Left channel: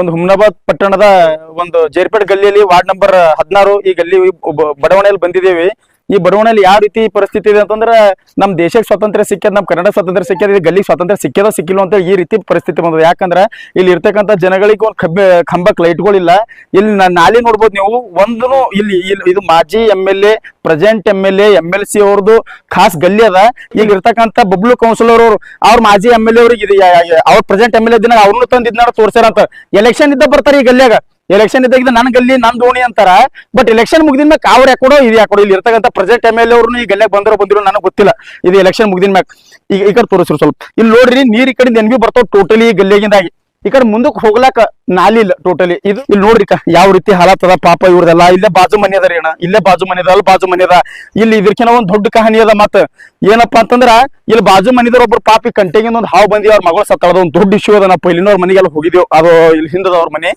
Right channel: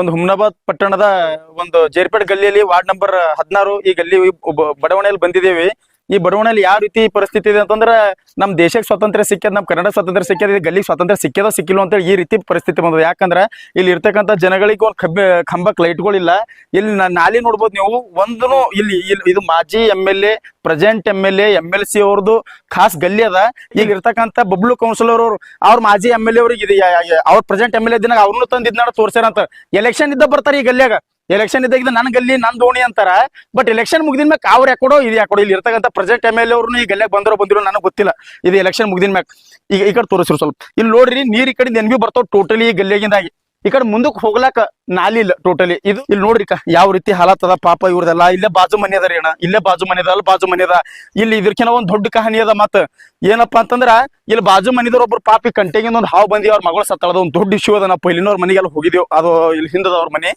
ಒಂದು ಹುಮ್ನಾಬಾದ್ ಪಟ್ಟಣದ ಒಂದು ಜೇರ್ಪೇಟ್ ಗಲ್ಲಿಯಲ್ಲಿ ವಾರ್ಡ್ ನಂಬರ್ 16 ಈ ಗಲ್ಲಿ ಬಡಾವಣೆಯಲ್ಲಿ ಬಂದಿದ್ದೇವೆ. ಈ ಬಡಾವಣೆಯಲ್ಲಿ ಯಾವ ರೀತಿ ಪರಿಸ್ಥಿತಿ ಇದೆ ಅಂತಂದ್ರೆ ನಮ್ ದೇಶಕ್ಕೆ ಸ್ವಾತಂತ್ರ್ಯ ಸಿಕ್ಕ್ಯದ, ನಮ್ ಕನ್ನಡ ಸ್ವಾತಂತ್ರ್ಯ ಸಿಕ್ಕ್ಯದ, ಈ ಗಲ್ಲಿ ಸ್ವಾತಂತ್ರ್ಯ ಸಿಕ್ಕ್ಯದ ಸಿಕ್ಕಿಲ್ಲ ಅಂತ ಈ ರೀತಿ ಪರಿಸ್ಥಿತಿ ಬಂದದ. ಯಾಕಂದ್ರೆ ಇಲ್ಲಿ ಇರ್ತಕ್ಕಂಥ ಜನಗಳಿಗೆ ಒಂದು ಕಂಬಕ್ ಲೈಟ್ಗಳಿಲ್ಲ. ಇಲ್ಲಿ ನಾಳೆ ನೋಡ್ಬೋದು ನೀವು, ಒಂದು ಇಲ್ಲಿ ಇದು ಮಾಜಿ MLA, ಪ್ರೆಸೆಂಟ್ MLA, MLC ಅವ್ರದ್ದು ಖಾಸ್ ಗಲ್ಲಿ ಅದ. ಈಗ ಇರ್ತಕ್ಕಂಥ ಬಬ್ಲು ಕೌನ್ಸಿಲರ್ ಅವ್ರ ಮಾಜಿ MLA ಅವ್ರಿಗೆ ಅವ್ರ ಪ್ರೆಸೆಂಟ್ MLA ದಿನ ಅವ್ರನ್ನು ತಂದು ಇದನ್ನ ತೋರ್ಸ್ಯಾರಂತ. ಎಲೆಕ್ಷನ್ ಇದ್ದ ಬರ್ತಾರೆ ಈ ಗಲ್ಲಿಯಾಗ. ಎಲೆಕ್ಷನ್ ಇದ್ದಾಗ ನನ್ ಗಲ್ಲಿ ನನ್ ದೋಣಿ ಅಂತಾರ. ಬಟ್ ಎಲೆಕ್ಷನ್ ಮುಗ್ದಿನ ಮ್ಯಾಗ ಅವ್ರ ಯಾಕೊಡೋ ಇದು ಯಾಕೊಡೋ ಇಲ್ಲಿ ಇರ್ತಕ್ಕಂಥ ಪ್ರೆಸೆಂಟ್ MLA ಅವ್ರನ್ನು ಈ ಗಲ್ಲಿಯಾಗ ಬಂದಿರೋ ನನಗೆ ಗೊತ್ತಿಲ್ಲ. ಇದು ಎಲೆಕ್ಷನ್ ಮುಗ್ದಿನ ಮ್ಯಾಗ ಈ ಕಡೆ ತೋರಿಸ್ರು ಸ್ವಲ್ಪ. ಇಲ್ಲಿ ನೋಡ್ರಿ, ನೀರ್ ಈ ಕಡೆ NB ಬರ್ತಾವ ಟೋಟಲಿ ಈ ಗಲ್ಲಿಯಾಗಿಂದಾಗಿ. ಈ ಕಡೆ ಮುಂದಕ್ಕೆ ಹೋಗ್ಲಾಕ ನಾಲಿ ಇಲ್ಲ ಟೋಟಲಿ. ಇದು ಇಲ್ಲಿ ನೋಡ್ರಿ ಯಾವ ರೀತಿ ಹಾಲಾತ್ ಅದ ಪಾಪ ಇವ್ರದೆಲ್ಲ. ಇಲ್ಲೇ ಬಾಜು ಮನೆ ಅದ ರೀ ಅಣ್ಣ, ಇಲ್ಲೇ ಬಾಜು ಮನೆ ಅದ, ಅಲ್ಲಿ ಬಾಜು ಮನೆ ಅದ. ಇಲ್ಲಿ ಇದಕ್ಕಿಂತ ಒಂದ್ ದೊಡ್ಡ ಕಹಾನಿ ಅದ. ಮತ್ತ ಏನಪ್ಪಾ ಅಂತಂದ್ರ ಇಲ್ಲಿ ಬಾಜು ಮನಿದವ್ರ ಒಬ್ರು ಪಾಪಿ ಕಂಟೆಗಿಂದ ಒಂದು ಹಾವು ಬಂದಿ, ಅವ್ರ ಮಗಳು ಸತ್ತಳದ ಒಂದು ದೊಡ್ಡ ಇಶ್ಯೂ ಅದ. ನಾವು ಇಲ್ಲಿನವ್ರ ಮನೆಗೆಲ್ಲ ಹೋಗಿದ್ದೇವೆ. ಅದು ಇಲ್ಲಿ ಹಿಂದದ ಅವ್ರ ಮನೆ.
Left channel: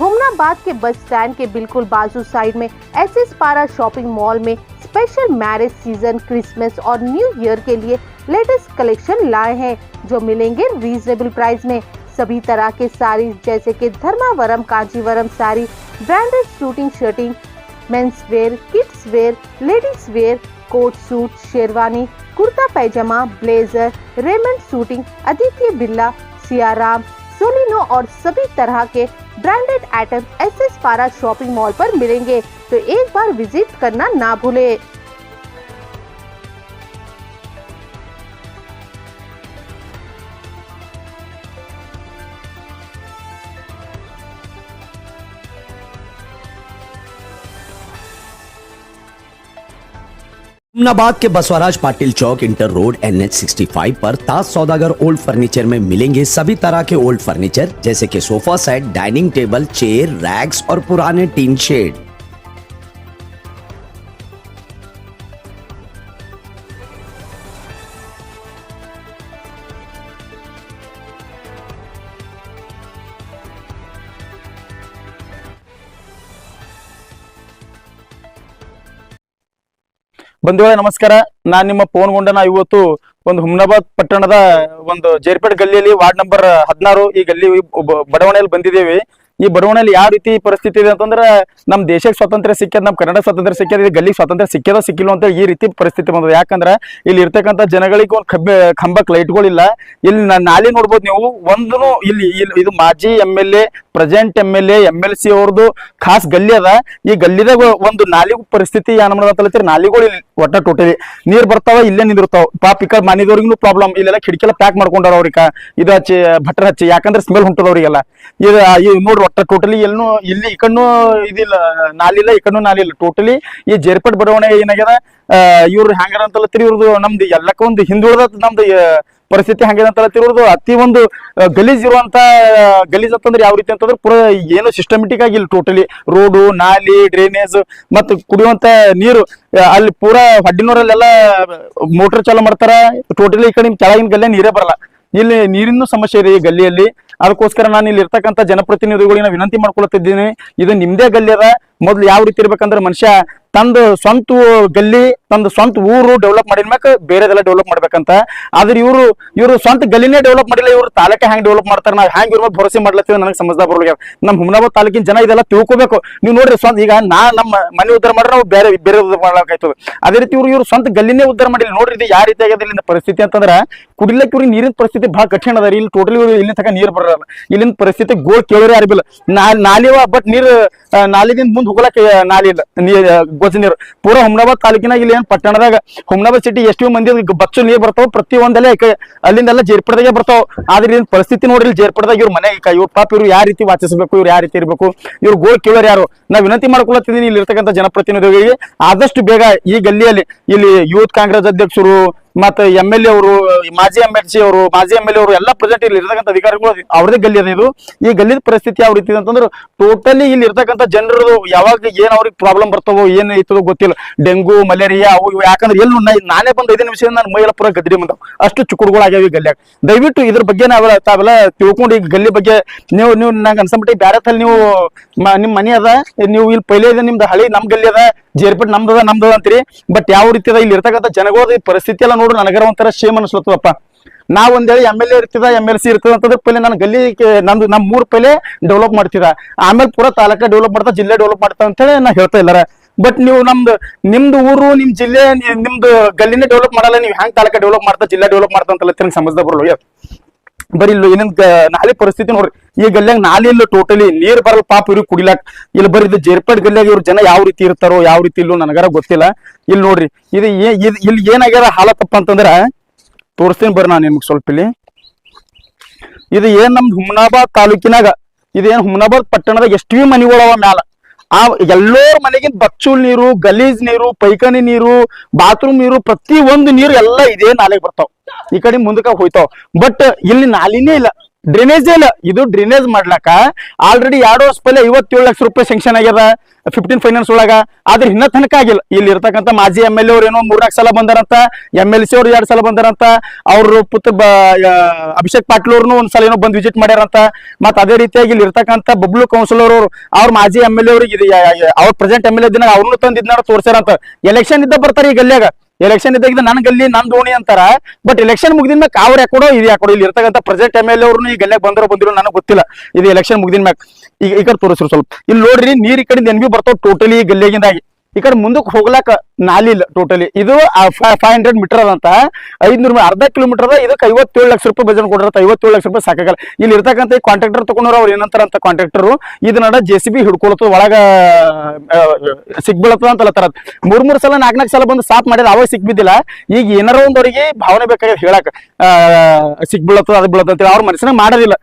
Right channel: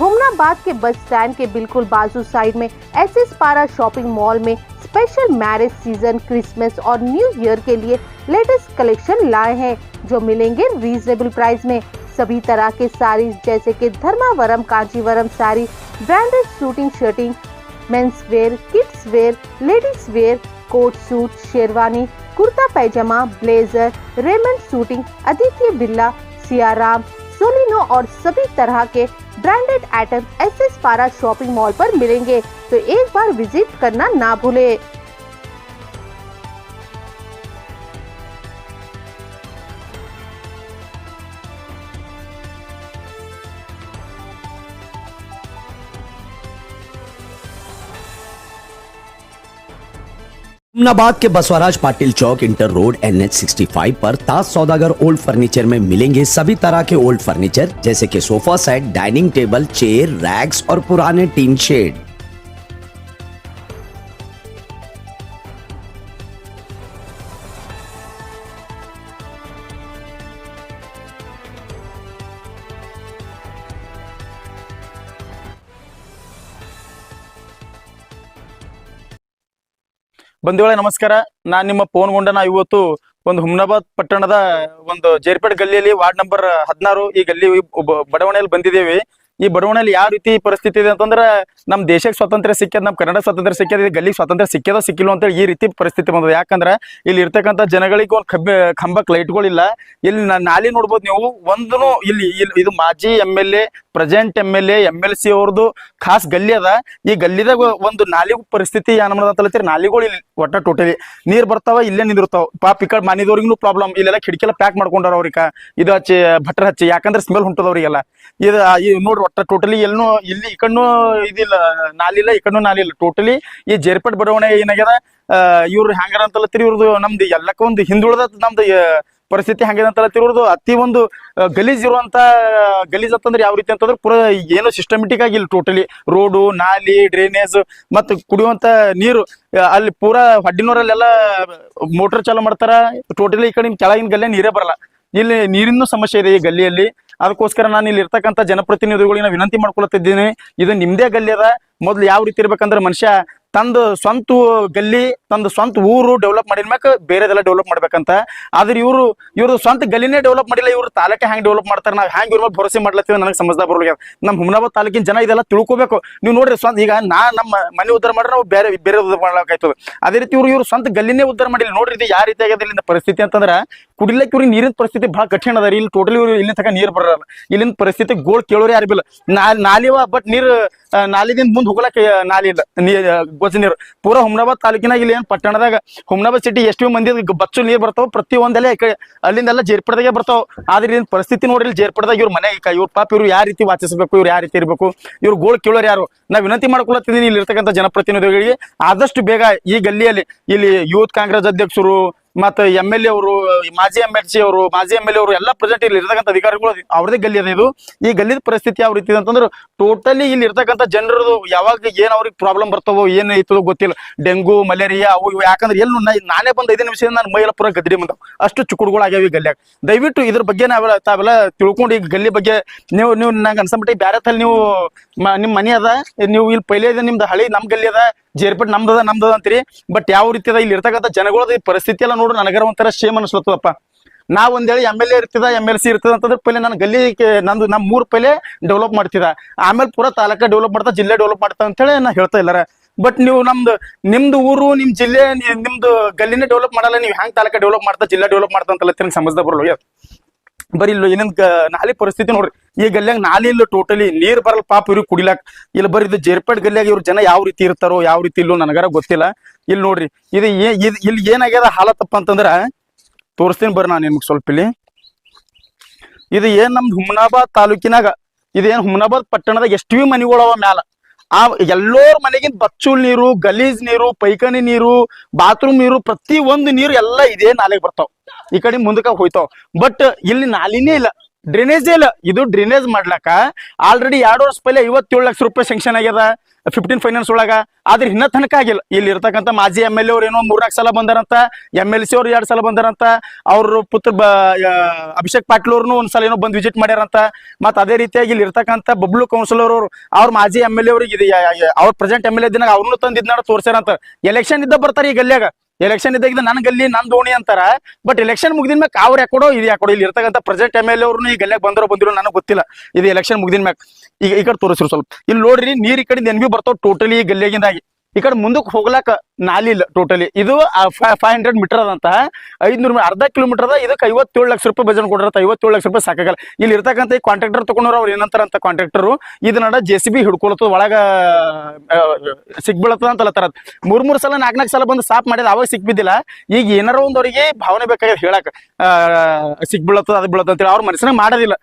हुमनाबाद के बस स्टैंड के बिल्कुल बाजू साइड में SS पारा शॉपिंग मॉल में स्पेशल मैरिज सीजन, क्रिसमस और न्यू ईयर के लिए लेटेस्ट कलेक्शन लाए हैं, जो मिलेंगे रीजनेबल प्राइस में। सभी तरह के साड़ीज जैसे कि Dharmavaram, Kanchivaram sari, branded shooting shirting, men's wear, kids wear, ladies wear, coat suit, sherwani, kurta pyjama, blazer, Raymond shooting, Aditya Birla, Siyaram, Solino और सभी तरह के branded item SS Para shopping mall पर मिलेंगे, तो एक बार विजिट करना ना भूले। हुमनाबाद के बसवराज पाटिल चौक, इंटर रोड, NH 65 पर ताज सौदागर ओल्ड फर्नीचर में मिलेंगे सभी तरह के ओल्ड फर्नीचर जैसे कि sofa set, dining table, chair, racks और पुराने टीन शेड। ಬಂಧುಗಳೇ ನಮಸ್ಕಾರ, ನಾನ್ ನಿಮ್ಮ ಪವನ್ ಗುಂಡನ. ಇವತ್ತು ಒಂದು ಹುಮ್ನಾಬಾದ್ ಪಟ್ಟಣದ ಒಂದು ಜೇರ್ಪೇಟ್ ಗಲ್ಲಿಯಲ್ಲಿ ವಾರ್ಡ್ ನಂಬರ್ 16 ಈ ಗಲ್ಲಿ ಬಡಾವಣೆಯಲ್ಲಿ ಬಂದಿದ್ದೇವೆ. ಈ ಬಡಾವಣೆಯಲ್ಲಿ ಯಾವ ರೀತಿ ಪರಿಸ್ಥಿತಿ ಇದೆ ಅಂತಂದ್ರೆ ನಮ್ ದೇಶಕ್ಕೆ ಸ್ವಾತಂತ್ರ್ಯ ಸಿಕ್ಕ್ಯದ, ನಮ್ ಕನ್ನಡ ಸ್ವಾತಂತ್ರ್ಯ ಸಿಕ್ಕ್ಯದ, ಈ ಗಲ್ಲಿ ಸ್ವಾತಂತ್ರ್ಯ ಸಿಕ್ಕ್ಯದ ಸಿಕ್ಕಿಲ್ಲ ಅಂತ ಈ ರೀತಿ ಪರಿಸ್ಥಿತಿ ಬಂದದ. ಯಾಕಂದ್ರೆ ಇಲ್ಲಿ ಇರ್ತಕ್ಕಂಥ ಜನಗಳಿಗೆ ಒಂದು ಕಂಬಕ್ ಲೈಟ್ಗಳಿಲ್ಲ. ಇಲ್ಲಿ ನಾಳೆ ನೋಡ್ಬೋದು ನೀವು, ಒಂದು ಇಲ್ಲಿ ಇದು ಮಾಜಿ MLA, ಪ್ರೆಸೆಂಟ್ MLA, MLC ಅವ್ರದ್ದು ಖಾಸ್ ಗಲ್ಲಿ ಅದ. ಈ ಗಲ್ಲಿದಾಗ ಒಂದು ನಾಲಿಗೂ ಪರಿಸ್ಥಿತಿ ಏನಂದ್ರೆ ನಾಲಿಗಳು ಇಲ್ಲಿ ಒಟ್ಟ ಟೋಟಲಿ ನೀರ್ ಬರ್ತಾವ, ಇಲ್ಲೇ ನಿಂದಿರ್ತಾವ. ಪಾಪ ಈ ಕಡೆ ಮನೆದವ್ರಿಗೂ ಪ್ರಾಬ್ಲಮ್. ಇಲ್ಲೆಲ್ಲ ಕಿಟಕಿಲ್ಲ ಪ್ಯಾಕ್ ಮಾಡ್ಕೊಂಡಾರ ಅವ್ರಿಗ, ಇದು ಹಚ್ಚಿ ಭಟ್ರ ಹಚ್ಚಿ, ಯಾಕಂದ್ರೆ ಸ್ಮೆಲ್ ಹೊಂಟದವ್ರಿಗೆಲ್ಲ. ಇದು ನೋಡ್ರಿ ಒಟ್ಟ ಟೋಟಲಿ ಎಲ್ಲೂ ಇಲ್ಲಿ ಈ ಕಣ್ಣು ಇದಿಲ್ಲ, ನಾಲಿಲ್ಲ, ಈ ಕಣ್ಣು ನಾಲಿಲ್ಲ. ಟೋಟಲಿ ಈ ಜೇರ್ಪೇಟ್ ಬಡಾವಣೆ ಏನಾಗ್ಯದ, ಇವ್ರು ಹ್ಯಾಂಗಾರ ಅಂತಲತ್ತೀರಿ, ಇವ್ರದ್ದು ನಮ್ದು ಎಲ್ಲಕ್ಕ ಒಂದು ಹಿಂದುಳಿದ ನಮ್ದು ಪರಿಸ್ಥಿತಿ ಹಂಗಿದೆ ಅಂತ ಇವ್ರದ್ದು ಅತಿ ಒಂದು ಗಲೀಜ್ ಇರುವಂತ ಗಲೀಜ್ ಅಂತಂದ್ರೆ ಯಾವ ರೀತಿ ಅಂತಂದ್ರೆ ಪೂರಾ ಏನು ಸಿಸ್ಟಮೆಟಿಕ್ ಆಗಿಲ್ಲ. ಟೋಟಲಿ ರೋಡು, ನಾಲಿ, ಡ್ರೈನೇಜ್ ಮತ್ತು ಕುಡಿಯುವಂತ ನೀರು ಅಲ್ಲಿ ಪೂರಾ ಹಡ್ಡಿನೂರಲ್ಲೆಲ್ಲ ಮೋಟರ್ ಚಾಲು ಮಾಡ್ತಾರ. ಟೋಟಲಿ ಈ ಕಡೆ ಕೆಳಗಿನ ಗಲ್ಲಿ ನೀರೇ ಬರಲ್ಲ. ಇಲ್ಲಿ ನೀರಿನ ಸಮಸ್ಯೆ ಇದೆ ಈ ಗಲ್ಲಿಯಲ್ಲಿ. ಅದಕ್ಕೋಸ್ಕರ ನಾನು ಇಲ್ಲಿ ಇರ್ತಕ್ಕಂಥ ಜನಪ್ರತಿನಿಧಿಗಳಿಗೆ ವಿನಂತಿ ಮಾಡ್ಕೊಳ್ತಿದ್ದೀನಿ, ಇದು ನಿಮ್ದೇ ಗಲ್ಲಿ ಅದ. ಮೊದ್ಲು ಯಾವ ರೀತಿ ಇರ್ಬೇಕಂದ್ರೆ ಮನುಷ್ಯ ತಂದು ಸ್ವಂತ ಗಲ್ಲಿ, ತಂದು ಸ್ವಂತ ಊರು ಡೆವಲಪ್ ಮಾಡಿದ್ಮ್ಯಾಕ ಬೇರೆದೆಲ್ಲ ಡೆವಲಪ್ ಮಾಡ್ಬೇಕಂತ. ಆದ್ರೆ ಇವರು ಸ್ವಂತ ಗಲ್ಲಿನೇ ಡೆವಲಪ್ ಮಾಡಿಲ್ಲ. ಇವ್ರು ತಾಲೂಕೆ ಹ್ಯಾಂಗ್ ಡೆವಲಪ್ ಮಾಡ್ತಾರೆ, ನಾವು ಹ್ಯಾಂಗ್ ಇವ್ರ ಭರೋಸೆ ಮಾಡ್ಲತ್ತೀವಿ ನನಗೆ ಸಮಜ್ದ ಬರೋಲ್ಲ. ನಮ್ಮ ಹುಮ್ನಾಬಾದ್ ತಾಲೂಕಿನ ಜನ ಇದೆಲ್ಲ ತಿಳ್ಕೊಬೇಕು. ನೀವು ನೋಡ್ರಿ, ಸ್ವಂತ ಈಗ ನಮ್ಮ ಮನೆ ಉದ್ಧಾರ ಮಾಡ್ರೆ ನಾವು ಬೇರೆ ಉದ್ಧಾರ ಮಾಡ್ಬೇಕಾಯ್ತದೆ. ಅದೇ ರೀತಿ ಇವ್ರು ಸ್ವಂತ ಗಲ್ಲಿನೇ ಉದ್ಧಾರ ಮಾಡಿಲ್ಲ. ನೋಡ್ರಿ ಇದು ಯಾವ ರೀತಿ ಆಗಿದೆ ಇಲ್ಲಿಂದ ಪರಿಸ್ಥಿತಿ ಅಂತಂದ್ರೆ, ಕುಡಿಲಕ್ಕೆ ಇವ್ರಿಗೆ ನೀರಿನ ಪರಿಸ್ಥಿತಿ ಬಹಳ ಕಠಿಣ ಅದ ರೀ. ಇಲ್ಲಿ ಟೋಟಲಿ ಇಲ್ಲಿ ತನಕ ನೀರ್ ಬರಲ್ಲ. ಇಲ್ಲಿನ ಪರಿಸ್ಥಿತಿ ಗೋಳ್ ಕೇಳೋರೇ ಯಾರಿಲ್ಲ. ನಾಲಿವ ಬಟ್ ನೀರು ನಾಲಿದಿಂದ ಮುಂದೆ ಹೋಗ್ಲಕ್ಕೆ ನಾಲಿ ಇಲ್ಲ, ಗೊತ್ತ ನೀರು. ಪೂರಾ ಹುಮ್ನಾಬಾದ್ ತಾಲೂಕಿನಾಗ ಇಲ್ಲಿ ಏನ್ ಪಟ್ಟಣದಾಗ ಹುಮ್ನಾಬಾದ್ ಸಿಟಿ ಎಷ್ಟು ಮಂದಿ ಬಚ್ಚು ನೀರ್ ಬರ್ತಾವ, ಪ್ರತಿ ಒಂದೆಲ್ಲ ಅಲ್ಲಿಂದೆಲ್ಲ ಜೇರ್ಪಡದಾಗೆ ಬರ್ತಾವ. ಆದ್ರೆ ಇನ್ ಪರಿಸ್ಥಿತಿ ನೋಡ್ರಿ, ಜೇರ್ಪಡದಾಗ ಇವ್ರ ಮನೆ ಇವ್ರ ಪಾಪ ಇವ್ರು ಯಾವ ರೀತಿ ವಾಚಿಸಬೇಕು, ಇವ್ರು ಯಾವ ರೀತಿ ಇರ್ಬೇಕು, ಇವ್ರು ಗೋಳ್ ಕೇಳೋರು ಯಾರು. ನಾವ್ ವಿನಂತಿ ಮಾಡ್ಕೊಳತ್ತಿದ್ದೀನಿ ಇಲ್ಲಿ ಇರ್ತಕ್ಕಂಥ ಜನಪ್ರತಿನಿಧಿಗಳಿಗೆ, ಆದಷ್ಟು ಬೇಗ ಈ ಗಲ್ಲಿಯಲ್ಲಿ ಇಲ್ಲಿ ಯೂತ್ ಕಾಂಗ್ರೆಸ್ ಅಧ್ಯಕ್ಷರು ಮತ್ತೆ MLA ಅವರು, ಮಾಜಿ MLC ಅವರು, ಮಾಜಿ MLA ಅವರು ಎಲ್ಲ ಪ್ರೆಸೆಂಟ್ ಇಲ್ಲಿ ಇರ್ತಕ್ಕಂಥ ಅಧಿಕಾರಿಗಳು ಅವ್ರದೇ ಗಲ್ಲಿ ಅದ. ಈ ಗಲ್ಲಿದ ಪರಿಸ್ಥಿತಿ ಯಾವ ರೀತಿ ಅಂತಂದ್ರೆ ಟೋಟಲಿ ಇಲ್ಲಿ ಇರ್ತಕ್ಕಂಥ ಜನರು ಯಾವಾಗ ಏನ್ ಅವ್ರಿಗೆ ಪ್ರಾಬ್ಲಮ್ ಬರ್ತಾವೋ, ಏನ್ ಐತದೋ ಗೊತ್ತಿಲ್ಲ. ಡೆಂಗು, ಮಲೇರಿಯಾ ಅವು ಇವು. ಯಾಕಂದ್ರೆ ಎಲ್ಲೂ ನಾನೇ ಬಂದು 5 ನಿಮಿಷ ನಾನು ಮೈಯೆಲ್ಲ ಪೂರ ಗದ್ರಿ ಬಂದಾವ್, ಅಷ್ಟು ಚುಕ್ಕುಡುಗಳಾಗ್ಯಾವ ಈ ಗಲ್ಲಿಯಾಗ. ದಯವಿಟ್ಟು ಇದ್ರ ಬಗ್ಗೆ ತಾವೆಲ್ಲ ತಿಳ್ಕೊಂಡು ಈ ಗಲ್ಲಿ ಬಗ್ಗೆ ನೀವು ನಂಗೆ ಅನ್ಸಂಬಿಟ್ಟು ಬ್ಯಾರೆ ತಲ್ಲಿ ನೀವು ನಿಮ್ ಮನೆ ಅದ, ನೀವು ಇಲ್ಲಿ ಪೈಲೆ ಇದೆ ನಿಮ್ದು ಹಳಿ, ನಮ್ ಗಲ್ಲಿ ಅದ, ಜೇರ್ಪೇಟ್ ನಮ್ದದ ಅಂತೀರಿ. ಬಟ್ ಯಾವ ರೀತಿ ಅದ ಇಲ್ಲಿ ಇರ್ತಕ್ಕಂಥ ಜನಗಳ ಪರಿಸ್ಥಿತಿ ಎಲ್ಲ ನೋಡ್ರಿ ನನಗರ ಒಂಥರ ಶೇಮ್ ಅನ್ಸ್ಲತ್ತದಪ್ಪ. ನಾವ್ ಒಂದೇಳಿ MLA ಇರ್ತದ MLC ಇರ್ತದ ಅಂತಂದ್ರೆ ಪहिले ನಾನು ಗಲ್ಲಿ ನಂದು ನಮ್ 3 ಪहिले ಡೆವಲಪ್ ಮಾಡ್ತಿದ, ಆಮೇಲೆ ಪೂರಾ ತಾಲೂಕ ಡೆವಲಪ್ ಮಾಡ್ತಾ, ಜಿಲ್ಲೆ ಡೆವಲಪ್ ಮಾಡ್ತಾ ಅಂತ ಹೇಳಿ ನಾ ಹೇಳ್ತಾ ಇಲ್ಲಾರ. ಬಟ್ ನೀವು ನಿಮ್ದು ಊರು, ನಿಮ್ ಜಿಲ್ಲೆ, ನಿಮ್ದು ಗಲ್ಲಿನೇ ಡೆವಲಪ್ ಮಾಡಲ್ಲ, ನೀವು ಹ್ಯಾಂಗ್ ತಾಲೂಕ ಡೆವಲಪ್ ಮಾಡ್ತಾ, ಜಿಲ್ಲಾ ಡೆವಲಪ್ ಮಾಡ್ತಾ ಅಂತ ಸಮಜ್ದ ಬರಲ್ಲ. ಬರೀ ಇಲ್ಲಿ ಏನಂತ ನಾಳೆ ಪರಿಸ್ಥಿತಿ ನೋಡ್ರಿ, ಈ ಗಲ್ಯಾಗ ನಾಲಿ ಇಲ್ಲ, ಟೋಟಲಿ ನೀರ್ ಬರಲ್ಲ ಪಾಪ ಇವ್ರಿಗೆ ಕುಡಿಲಾಕ್. ಇಲ್ಲಿ ಬರೀ ಇದು ಜೇರ್ಪೇಟ್ ಗಲ್ಯಾಗ ಇವ್ರ ಜನ ಯಾವ ರೀತಿ ಇರ್ತಾರೋ ಯಾವ ರೀತಿ ಇಲ್ಲೋ ನನಗಾರ ಗೊತ್ತಿಲ್ಲ. ಇಲ್ಲಿ ನೋಡ್ರಿ ಇಲ್ಲಿ ಏನಾಗ್ಯದ ಹಾಲತ್ತಪ್ಪ ಅಂತಂದ್ರ ತೋರಿಸ್ತೀನಿ ಬರ್ರಿ ನಾನು ನಿಮ್ಗೆ ಸ್ವಲ್ಪ. ಇಲ್ಲಿ ಇದು ಏನ್ ನಮ್ದು ಹುಮ್ನಾಬಾದ್ ತಾಲೂಕಿನಾಗ, ಇದೇನ್ ಹುಮ್ನಾಬಾದ್ ಪಟ್ಟಣದಾಗ ಎಷ್ಟೇ ಮನೆಗಳವ ಮ್ಯಾಲ, ಆ ಎಲ್ಲೋರ್ ಮನೆಗಿಂತ ಬಚ್ಚುಲ್ ನೀರು, ಗಲೀಜ್ ನೀರು, ಪೈಖಾನಿ ನೀರು, ಬಾತ್ರೂಮ್ ನೀರು, ಪ್ರತಿ ಒಂದು ನೀರು ಎಲ್ಲ ಇದೇ ನಾಲೆಗೆ ಬರ್ತಾವ, ಈ ಕಡೆ ಮುಂದಕ್ಕ ಹೋಯ್ತಾವ. ಬಟ್ ಇಲ್ಲಿ ನಾಲಿನೇ ಇಲ್ಲ, ಡ್ರೈನೇಜೇ ಇಲ್ಲ. ಇದು ಡ್ರೈನೇಜ್ ಮಾಡ್ಲಾಕ ಆಲ್ರೆಡಿ 2 ವರ್ಷ ಪहिले 57 ಲಕ್ಷ ರೂಪಾಯಿ ಸ್ಯಾಂಕ್ಷನ್ ಆಗ್ಯದ 15 ಫೈನಾನ್ಸ್ ಒಳಗ, ಆದ್ರೆ ಇನ್ನ ತನಕ ಆಗಿಲ್ಲ. ಇಲ್ಲಿ ಇರ್ತಕ್ಕಂಥ ಮಾಜಿ MLA ಅವ್ರು ಏನೋ 3-4 ಸಲ ಬಂದಾರಂತ, MLC ಅವ್ರು 2 ಸಲ ಬಂದಾರಂತ, ಅವ್ರ ಪುತ್ರ ಅಭಿಷೇಕ್ ಪಾಟೀಲ್ ಅವ್ರನ್ನು ಒಂದ್ಸಲ ಏನೋ ಬಂದ್ ವಿಸಿಟ್ ಮಾಡ್ಯಾರಂತ. ಮತ್ ಅದೇ ರೀತಿಯಾಗಿ ಇಲ್ಲಿ ಇರ್ತಕ್ಕಂಥ ಬಬ್ಲು ಕೌನ್ಸಿಲರ್ ಅವ್ರ ಮಾಜಿ MLA ಅವ್ರಿಗೆ ಅವ್ರ ಪ್ರೆಸೆಂಟ್ MLA ದಿನ ಅವ್ರನ್ನು ತಂದು ಇದನ್ನ ತೋರ್ಸ್ಯಾರಂತ. ಎಲೆಕ್ಷನ್ ಇದ್ದ ಬರ್ತಾರೆ ಈ ಗಲ್ಯಾಗ, ಎಲೆಕ್ಷನ್ ಇದ್ದಾಗ ನನ್ ಗಲ್ಲಿ ನನ್ ದೋಣಿ ಅಂತಾರ. ಬಟ್ ಎಲೆಕ್ಷನ್ ಮುಗಿದಿನ ಮ್ಯಾಗ ಅವ್ರ ಯಾಕೊಡೋ ಇದು ಯಾಕೊಡೋ, ಇಲ್ಲಿ ಇರ್ತಕ್ಕಂಥ ಪ್ರೆಸೆಂಟ್ MLA ಅವ್ರು ಈ ಗಲ್ಯಾಗ ಬಂದಿರೋ ನನಗೆ ಗೊತ್ತಿಲ್ಲ. ಇದು ಎಲೆಕ್ಷನ್ ಮುಗಿದಿನ ಮ್ಯಾಗ ಈ ಕಡೆ ತೋರಿಸ್ರು ಸ್ವಲ್ಪ. ಇಲ್ಲಿ ನೋಡ್ರಿ ನೀರ್ ಈ ಕಡೆ NB ಬರ್ತಾವ ಟೋಟಲಿ ಗಲ್ಲಿಯಾಗಿಂದಾಗಿ. ಈ ಕಡೆ ಮುಂದಕ್ಕೆ ಹೋಗ್ಲಾಕ ನಾಲಿ ಇಲ್ಲ ಟೋಟಲಿ. ಇದು 500 ಮೀಟರ್ ಅದಂತ, 500 ಅರ್ಧ ಕಿಲೋಮೀಟರ್ ಅದ. ಇದಕ್ಕೆ 57 ಲಕ್ಷ ರೂಪಾಯಿ ಬಜೆಟ್ ಕೊಡ್ರ, 57 ಲಕ್ಷ ರೂಪಾಯಿ ಸಾಕಾಗಲ್ಲ. ಇಲ್ಲಿ ಇರ್ತಕ್ಕಂಥ ಕಾಂಟ್ರಾಕ್ಟರ್ ತಗೊಂಡ್ರು, ಅವ್ರು ಏನಂತಾರ ಅಂತ ಕಾಂಟ್ರಾಕ್ಟರ್ ಇದನ್ನ JCB ಹಿಡ್ಕೊಳತ್ತದ, ಒಳಗ ಸಿಗ್ಬೀಳತ್ತದ ಅಂತ ಹೇಳತ್ತಾರ. 3 ಸಲ 4 ಸಲ ಬಂದು ಸಾಫ್ ಮಾಡಿದ, ಅವಾಗ ಸಿಕ್ಬಿದ್ದಿಲ್ಲ. ಈಗ ಏನಾರ ಒಂದವ್ರಿಗೆ ಭಾವನೆ ಬೇಕಾಗಿ ಹೇಳಕ್ ಸಿಗ್ಬೀಳತ್ತದ, ಅದು ಬೀಳತ್ತ ಅಂತೇಳಿ ಅವ್ರ ಮನಸ್ಸಿನಾಗ ಮಾಡೋದಿಲ್ಲ.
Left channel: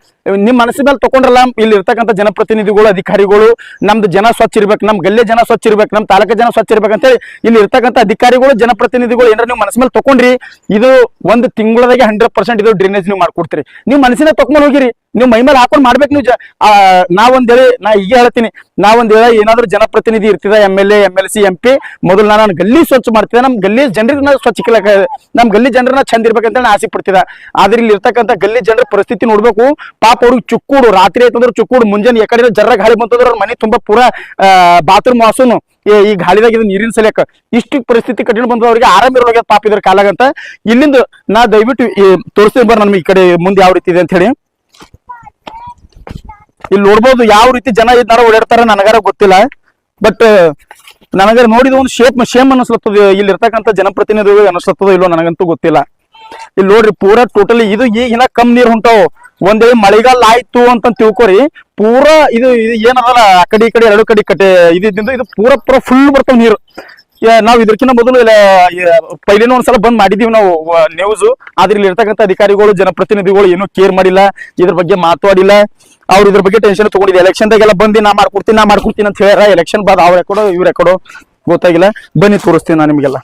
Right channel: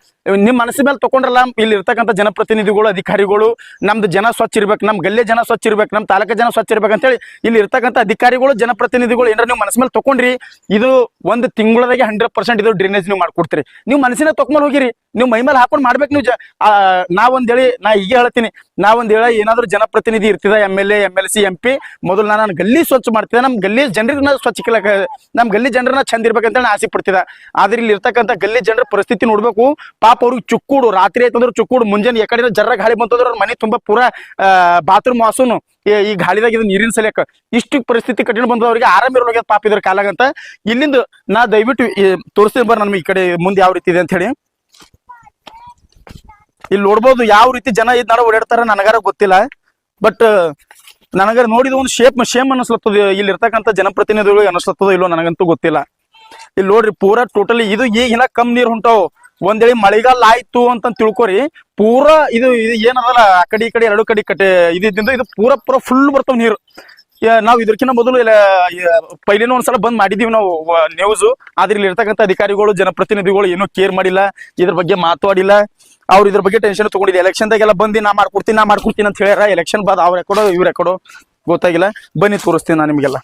ನಿಮ್ ಮನಸ್ಸಿನ ಮೇಲೆ ತಕೊಂಡ್ರಲ್ಲ. ಇಲ್ಲಿ ಇರ್ತಕ್ಕಂಥ ಜನಪ್ರತಿನಿಧಿಗಳು, ಅಧಿಕಾರಿಗಳು, ನಮ್ದು ಜನ ಸ್ವಚ್ಛ ಇರ್ಬೇಕು, ನಮ್ ಗಲ್ಲೆ ಜನ ಸ್ವಚ್ಛ ಇರ್ಬೇಕು, ನಮ್ ತಾಲೂಕ ಜನ ಸ್ವಚ್ಛ ಇರ್ಬೇಕಂತ ಹೇಳಿ ಇಲ್ಲಿ ಇರ್ತಕ್ಕಂಥ ಅಧಿಕಾರಿಗಳು, ಜನಪ್ರತಿನಿಧಿಗಳು ಏನಾರ ನೀವು ಮನಸ್ಸ ಮೇಲೆ ತಕೊಂಡ್ರಿ, ಇದು ಒಂದು ತಿಂಗಳದಾಗೆ 100% ಇದು ಡ್ರೈನೇಜ್ ನೀವು ಮಾಡ್ಕೊಡ್ತೀರಿ. ನೀವು ಮನಸ್ಸಿನ ತಕೊಂಡ್ ಹೋಗಿರಿ, ನೀವು ಮೈ ಮೇಲೆ ಹಾಕೊಂಡ್ ಮಾಡ್ಬೇಕು. ನೀವು ನಾವೊಂದೇಳಿ ನಾ ಈಗ ಹೇಳ್ತೀನಿ, ನಾವೊಂದೇಳಿ ಏನಾದ್ರು ಜನಪ್ರತಿನಿಧಿ ಇರ್ತಿದ, MLA MLC MP, ಮೊದಲು ನಾನು ಗಲ್ಲಿ ಸ್ವಚ್ಛ ಮಾಡ್ತಿದ್ದೆ, ನಮ್ ಗಲ್ಲಿ ಜನರಿಗೆ ಸ್ವಚ್ಛ ಇಕ್ಕಲಕ, ನಮ್ ಗಲ್ಲಿ ಜನರನ್ನ ಚಂದ ಇರ್ಬೇಕಂತ ನಾನು ಆಸೆ ಪಡ್ತಿದ್ದ. ಆದ್ರೆ ಇಲ್ಲಿ ಇರ್ತಕ್ಕಂಥ ಗಲ್ಲಿ ಜನರ ಪರಿಸ್ಥಿತಿ ನೋಡ್ಬೇಕು. ಪಾಪ ಅವ್ರಿಗೆ ಚುಕ್ಕೂಡು, ರಾತ್ರಿ ಆಯ್ತಂದ್ರೆ ಚುಕ್ಕೂಡು, ಮುಂಜಾನೆ ಯಾಕಡೆ ಜರ್ರ ಗಾಳಿ ಬಂತಂದ್ರೆ ಅವ್ರ ಮನೆ ತುಂಬಾ ಪೂರಾ ಬಾತ್ರೂಮ್ ವಾಸನು ಈ ಗಾಳಿದಾಗ ಇದು ನೀರಿನ ಸಲಕ ಇಷ್ಟು ಪರಿಸ್ಥಿತಿ ಕಠಿಣ ಬಂದ್ರೆ ಅವ್ರಿಗೆ ಆರಾಮ ಇರೋವಾಗ ಪಾಪ ಇದ್ರ ಕಾಲಾಗಂತ. ಇಲ್ಲಿಂದ ನಾ ದಯವಿಟ್ಟು ತೋರಿಸ್ತೀನಿ ಬರ್ರಿ ನಮ್ಗೆ ಈ ಕಡೆ ಮುಂದೆ ಯಾವ ರೀತಿ ಇದೆ ಅಂತ ಹೇಳಿ. ಇಲ್ಲಿ ನೋಡ್ಬೋದು ಯಾವ ರೀತಿ ಜನ ಇದ್ದಾರ ಓಡಾಡ್ತಾರ ನನಗಾರ ಗೊತ್ತಿಲ್ಲ. ಬಟ್ ನನಗಾರ ನೋಡಿದ ಒಂದು ಶೇಮ್ ಅನಿಸ್ಲತ್ತದ, ಇಲ್ಲಿ ಇರ್ತಕ್ಕಂಥ ಜನಪ್ರತಿನಿಧಿಗಳಿಗೆ ಅನಿಸ್ಲತ್ತದ ಇಲ್ಲೋ ನನಗಂತೂ ಗೊತ್ತಿಲ್ಲ. ಇಲ್ಲಿ ನೋಡ್ರಿ ಪೂರಾ ಟೋಟಲಿ ಇದು ಈಗಿನ ಕಮ್ ನೀರ್ ಹೊಂಟಾವ್. ಒಂದೇ ಮಳೆಗಾಲ ಆಯ್ತು ಅಂತ ತಿಳ್ಕೊರಿ, ಪೂರಾ ಇದು ಏನದಲ್ಲ ಆ ಕಡೆ ಈ ಕಡೆ 2 ಕಡೆ ಕಟ್ಟೆ ಇದು ಪೂರಾ ಫುಲ್ ಬರ್ತಾವ ನೀರು. ನಾವ್ ಇದಕ್ಕಿಂತ ಮೊದಲು ಪೈಲಿನ ಒಂದ್ಸಲ ಬಂದ್ ಮಾಡಿದೀವಿ ನಾವು ನ್ಯೂಸ್. ಆದ್ರೆ ಇಲ್ಲಿ ಇರ್ತಕ್ಕಂಥ ಅಧಿಕಾರಿಗಳು, ಜನಪ್ರತಿನಿಧಿಗಳು ಏನು ಕೇರ್ ಮಾಡಿಲ್ಲ, ಇದ್ರ ಬಗ್ಗೆ ಮಾತಾಡಿಲ್ಲ. ಅವ್ರು ಇದ್ರ ಬಗ್ಗೆ ಟೆನ್ಷನ್ ತಗೊಂಡಿದ್ದೆ. ಎಲೆಕ್ಷನ್ದಾಗೆಲ್ಲ ಬಂದು ನಾ ಮಾಡ್ಕೊಡ್ತೀನಿ ಅಂತ ಹೇಳ್ಯಾರ. ಎಲೆಕ್ಷನ್ ಬಾದ್ ಅವ್ರ ಯಾಕಡೋ ಇವ್ರ ಯಾಕಡೋ ಗೊತ್ತಾಗಿಲ್ಲ. ಬನ್ನಿ ತೋರಿಸ್ತೀನಿ ನಾನು ನಿಮ್ಗೆಲ್ಲ.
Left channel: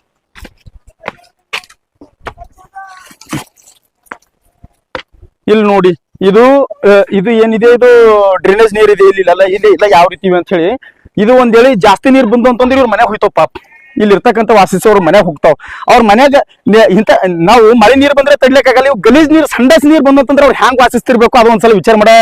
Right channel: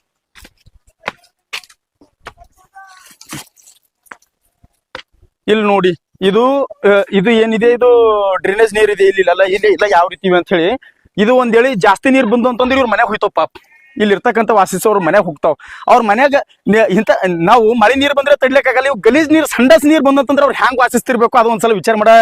ಇಲ್ಲಿ ನೋಡಿ, ಇದು ಏನಿದೆ, ಇದು ಡ್ರೈನೇಜ್ ನೀರ್ ಇದೆ. ಇಲ್ಲ ಯಾವ ರೀತಿ ಅಂತ ಹೇಳಿ, ಇದು ಒಂದೇಳಿ ಜಾಸ್ತಿ ನೀರ್ ಬಂದು ಅಂತಂದ್ರೆ ಇವ್ರ ಮನೆ ಹೋಯ್ತಾವ ಪಾಪ. ಇಲ್ಲಿ ಇರ್ತಕ್ಕಂಥ ವಾಸಿಸೋರು ಮನೆಯಾಗ ಹೋಗ್ತಾವ. ಅವ್ರ ಮನ್ಯಾಗ ನಾವು ಮಳೆ ನೀರು ಬಂದ್ರೆ ತಡ್ಲಿಕ್ಕಾಗಲ್ಲ. ಇವು ಗಲೀಜ್ ನೀರು, ಸಂಡಸ್ ನೀರು ಬಂದಂತಂದ್ರೆ ಅವ್ರು ಹ್ಯಾಂಗ್ ವಾಸಿಸ್ತಿರ್ಬೇಕು, ಅದು ಒಂದ್ಸಲ ವಿಚಾರ ಮಾಡೋ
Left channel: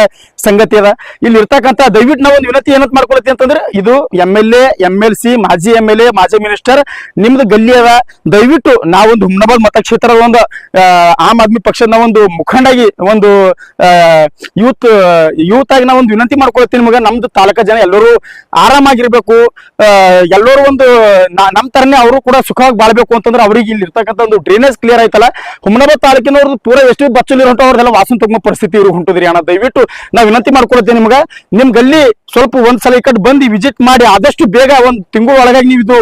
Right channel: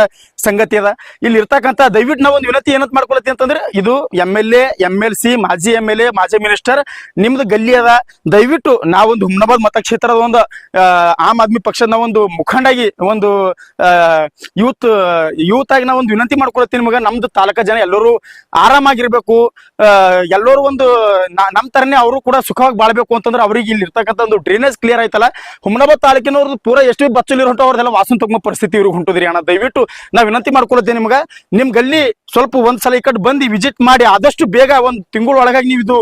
ಸಂಗತಿ ಅದ. ಇಲ್ಲಿ ಇರ್ತಕ್ಕಂಥ ದಯವಿಟ್ಟು ನಾವು ಒಂದು ವಿನಂತಿ ಏನಂತ ಮಾಡ್ಕೊಳತ್ತಿ ಅಂತಂದ್ರೆ, ಇದು MLA MLC, ಮಾಜಿ MLA, ಮಾಜಿ ಮಿನಿಸ್ಟರ್, ನಿಮ್ದು ಗಲ್ಲಿ ಅದ. ದಯವಿಟ್ಟು ನಾವೊಂದು ಹುಮ್ನಾಬಾದ್ ಮತಕ್ಷೇತ್ರದ ಒಂದು ಆಮ್ ಆದ್ಮಿ ಪಕ್ಷದ ಒಂದು ಮುಖಂಡಾಗಿ, ಒಂದು ಯೂತ್ ಆಗಿ ನಾವು ಒಂದು ವಿನಂತಿ ಮಾಡ್ಕೊಳ್ತೀನಿ ನಿಮಗೆ. ನಮ್ದು ತಾಲೂಕಾ ಜನ ಎಲ್ಲರೂ ಆರಾಮಾಗಿರ್ಬೇಕು, ಎಲ್ಲರೂ ಒಂದು ನಮ್ ತರನೇ ಅವರು ಕೂಡ ಸುಖವಾಗಿ ಬಾಳ್ಬೇಕು ಅಂತಂದ್ರೆ ಅವ್ರಿಗೆ ಇಲ್ಲಿ ಇರ್ತಕ್ಕಂಥ ಒಂದು ಡ್ರೈನೇಜ್ ಕ್ಲಿಯರ್ ಆಯ್ತಲ್ಲ. ಹುಮ್ನಾಬಾದ್ ತಾಲೂಕಿನವ್ರದ್ದು ಪೂರಾ ಎಷ್ಟು ಬಚ್ಚು ನೀರು ಹೊಂಟು ಅವ್ರದೆಲ್ಲ ವಾಸನ ತಗೊಂಡ ಪರಿಸ್ಥಿತಿ ಇವ್ರು ಹೊಂಟದ್ರಿ ಅಣ್ಣ. ದಯವಿಟ್ಟು ನಾವು ವಿನಂತಿ ಮಾಡ್ಕೊಳ್ತೇವೆ ನಿಮ್ಗೆ, ನಿಮ್ ಗಲ್ಲಿ ಸ್ವಲ್ಪ ಒಂದ್ಸಲ ಈ ಕಡೆ ಬಂದು ವಿಸಿಟ್ ಮಾಡಿ ಆದಷ್ಟು ಬೇಗ ಒಂದ್ ತಿಂಗಳ ಒಳಗಾಗಿ ನೀವು ಇದು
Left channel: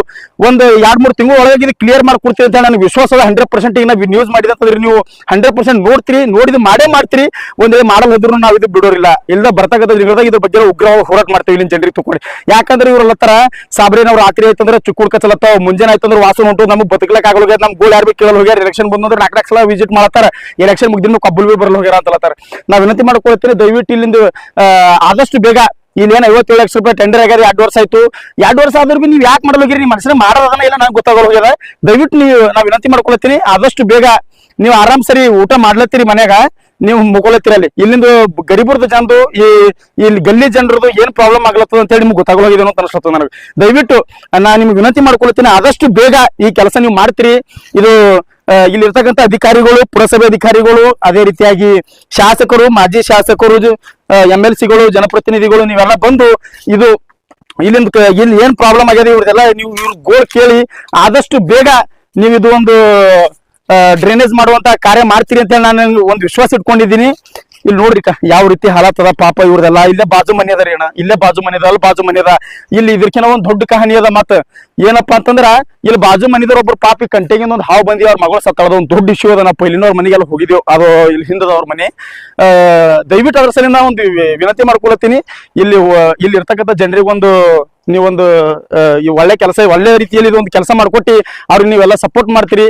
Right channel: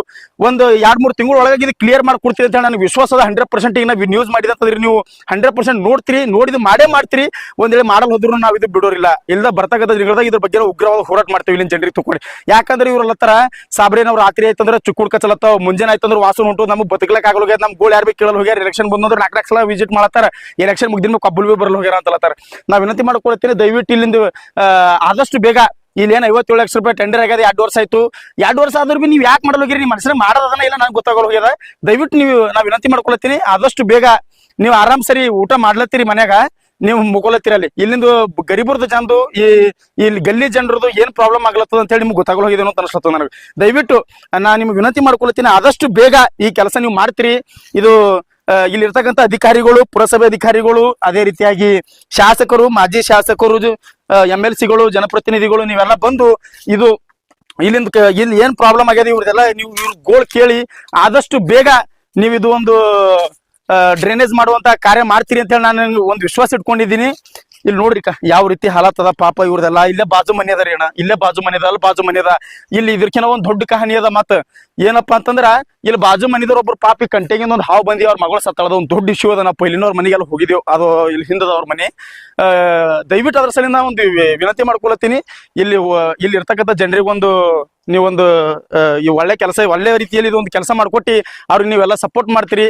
ಒಂದು 2-3 ತಿಂಗಳ ಒಳಗಾಗಿ ಇದು ಕ್ಲಿಯರ್ ಮಾಡ್ಕೊಡ್ತೀವಿ ಅಂತ ನನಗೆ ವಿಶ್ವಾಸ ಅದ. 100% ಈಗ ನಾವು ನ್ಯೂಸ್ ಮಾಡಿದ್ರೆ ನೀವು 100% ನೋಡ್ತೀರಿ, ನೋಡಿದ್ ಮಾಡೇ ಮಾಡ್ತೀರಿ. ಒಂದೇ ಮಾಡಲ್ ಹೋದ್ರು ನಾವು ಇದು ಬಿಡೋರಿಲ್ಲ. ಇಲ್ಲ ಬರ್ತಕ್ಕಂಥ ದಿನದಾಗ ಇದ್ರ ಬಗ್ಗೆ ಉಗ್ರ ಹೋರಾಟ ಮಾಡ್ತೀವಿ ಇಲ್ಲಿನ ಜನರಿಗೆ ತಗೊಂಡು. ಯಾಕಂದ್ರೆ ಇವ್ರಲ್ಲತ್ತಾರ ಸಾಬ್ರೇನವ್ರು ರಾತ್ರಿ ಆಯ್ತಂದ್ರೆ ಚುಕ್ಕುಡ್ ಕಚ್ಚಲತ್ತಾವ, ಮುಂಜಾನೆ ಆಯ್ತಂದ್ರೆ ವಾಸನ ಹೊಂಟು, ನಮ್ಗೆ ಬದುಕಲಕ್ ಆಗೋಗ್ಯ, ನಮ್ ಗೋಲ್ ಯಾರು ಕೇಳಲ್ ಹೋಗ್ಯಾರ. ಎಲೆಕ್ಷನ್ ಬಂದ್ರೆ 4 ಸಲ ವಿಸಿಟ್ ಮಾಡ್ತಾರ, ಎಲೆಕ್ಷನ್ ಮುಗ್ದಿನ ಕಬ್ಬಲ್ ಬಿ ಬರಲ್ ಹೋಗ್ಯಾರ ಅಂತಲತ್ತಾರ. ನಾವ್ ವಿನಂತಿ ಮಾಡ್ಕೊಳ್ತೀನಿ, ದಯವಿಟ್ಟು ಇಲ್ಲಿಂದ ಆದಷ್ಟು ಬೇಗ ಇಲ್ಲೇನು 57 ಲಕ್ಷ ರೂಪಾಯಿ ಟೆಂಡರ್ ಆಗ್ಯದ. 2 ವರ್ಷ ಆಯ್ತು. 2 ವರ್ಷ ಆದ್ರೂ ಬಿ ನೀವು ಯಾಕೆ ಮಾಡಲ್ ಹೋಗಿರಿ? ನೀವು ಮನಸ್ಸಿನ ಮಾಡೋದನ್ನ ಇಲ್ಲ ನಂಗೆ ಗೊತ್ತಾಗೋಗ್ಯದ. ದಯವಿಟ್ಟು ನಾವ್ ವಿನಂತಿ ಮಾಡ್ಕೊಳ್ತೀನಿ, ಆದಷ್ಟು ಬೇಗ ನೀವು ಆರಾಮ್ ಸರಿ ಊಟ ಮಾಡ್ಲತ್ತೀರಿ ಮನ್ಯಾಗ, ನೀವು ಮುಗೊಳತ್ತಿರಲ್ಲಿ. ಇಲ್ಲಿಂದ ಗರೀಬರ್ದು ಜನರು, ಇಲ್ಲಿ ಗಲ್ಲಿ ಜನರದು ಏನ್ ಪ್ರಾಬ್ಲಮ್ ಆಗ್ಲತ್ತದ ಅಂತ ಹೇಳಿ ನಿಮ್ಗೆ ಗೊತ್ತಾಗೋಗಿದೆ ಅಂತ ಅನಿಸ್ತದ ನನಗೆ. ದಯವಿಟ್ಟು ನಾ ನಿಮ್ಗೆ ವಿನಂತಿ ಮಾಡ್ಕೊಳ್ತೀನಿ, ಆದಷ್ಟು ಬೇಗ ಈ ಕೆಲಸ ನೀವು ಮಾಡ್ತೀರಿ. ಇದು ಇಲ್ಲಿರ್ತಕ್ಕಂಥ ಅಧಿಕಾರಿಗಳು, ಪುರಸಭೆ ಅಧಿಕಾರಿಗಳು, ಅದೇ ರೀತಿಯಾಗಿ ಶಾಸಕರು, ಮಾಜಿ ಶಾಸಕರು, MLCಗಳು, ಜನಪ್ರತಿನಿಧಿಗಳು ನೀವೆಲ್ಲ ಬಂದು ಇದು ಇಲ್ಲಿಂದ ಏನ್ ಪ್ರಾಬ್ಲಮ್ ಆಗ್ಯದ ಇವ್ರದೆಲ್ಲ ನೀವು ಇವ್ರ ಗೋಳ್ ಕೇಳಿ ಆದಷ್ಟು ಬೇಗ ನೀವು ಇದು ಒಂದು ಡ್ರೈನೇಜ್ ಮಾಡುವಂತ ಕಾರ್ಯ ಮಾಡ್ತೀರಿ ಅಂತ ನಾನು ಒಂದು ವಿಶ್ವಾಸ ಇಟ್ಕೊಂಡಿದ್ದೀನಿ. ಇಲ್ಲಿ ನೋಡ್ರಿ ಯಾವ ರೀತಿ ಹಾಳಾತದ ಪಾಪ ಇವ್ರದೆಲ್ಲ. ಇಲ್ಲೇ ಬಾಜು ಮನೆ ಅದ ರೀ ಅಣ್ಣ, ಇಲ್ಲೇ ಬಾಜು ಮನೆ ಅದ, ಅಲ್ಲಿ ಬಾಜು ಮನೆ ಅದ. ಇಲ್ಲಿ ಇದಕ್ಕಿಂತ ಒಂದ್ ದೊಡ್ಡ ಕಹಾನಿ ಅದ. ಮತ್ತ ಏನಪ್ಪಾ ಅಂತಂದ್ರ ಇಲ್ಲಿ ಬಾಜು ಮನಿದವ್ರ ಒಬ್ರು ಪಾಪಿ ಕಂಟೆಗೆ ಒಂದು ಹಾವು ಬಂದಿ ಅವ್ರ ಮಗಳು ಸತ್ತಳದ ಒಂದು ದೊಡ್ಡ ಇಶ್ಯೂ ಅದ. ನಾವು ಇಲ್ಲಿನವ್ರ ಮನೆಗೆಲ್ಲ ಹೋಗಿದ್ದೇವೆ, ಅದು ಇಲ್ಲಿ ಹಿಂದದವ್ರ ಮನೆ. ದಯವಿಟ್ಟು ಅದ್ರ ಸಲ ಒಂದು ವಿನಂತಿ ಮಾಡ್ಕೊಳತ್ತೀನಿ, ಇಲ್ಲಿ ಇರ್ತಕ್ಕಂಥ ಜನರಿಗೊಂದು ನೀವೊಂದು ಈ ಒಳ್ಳೆ ಕೆಲಸ, ಒಳ್ಳೆ ರೀತಿಯಲ್ಲಿ ಇದೊಂದು ಕೆಲಸ ಮಾಡ್ಕೊಟ್ಟು ಅವ್ರಿಗೆ ನೀವೆಲ್ಲ ಸಪೋರ್ಟ್ ಮಾಡ್ತೀರಿ.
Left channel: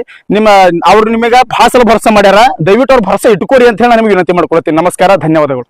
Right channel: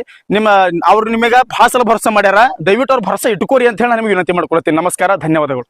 ಅವ್ರು ನಿಮಗೆ ಭಾಳ ಸಲ ಭರವಸೆ ಮಾಡ್ಯಾರ, ದಯವಿಟ್ಟು ಅವ್ರ ಭರವಸೆ ಇಟ್ಕೋರಿ ಅಂತ ಹೇಳಿ ನಾನು ನಿಮಗೆ ವಿನಂತಿ ಮಾಡ್ಕೊಳತ್ತೀನಿ. ನಮಸ್ಕಾರ, ಧನ್ಯವಾದಗಳು.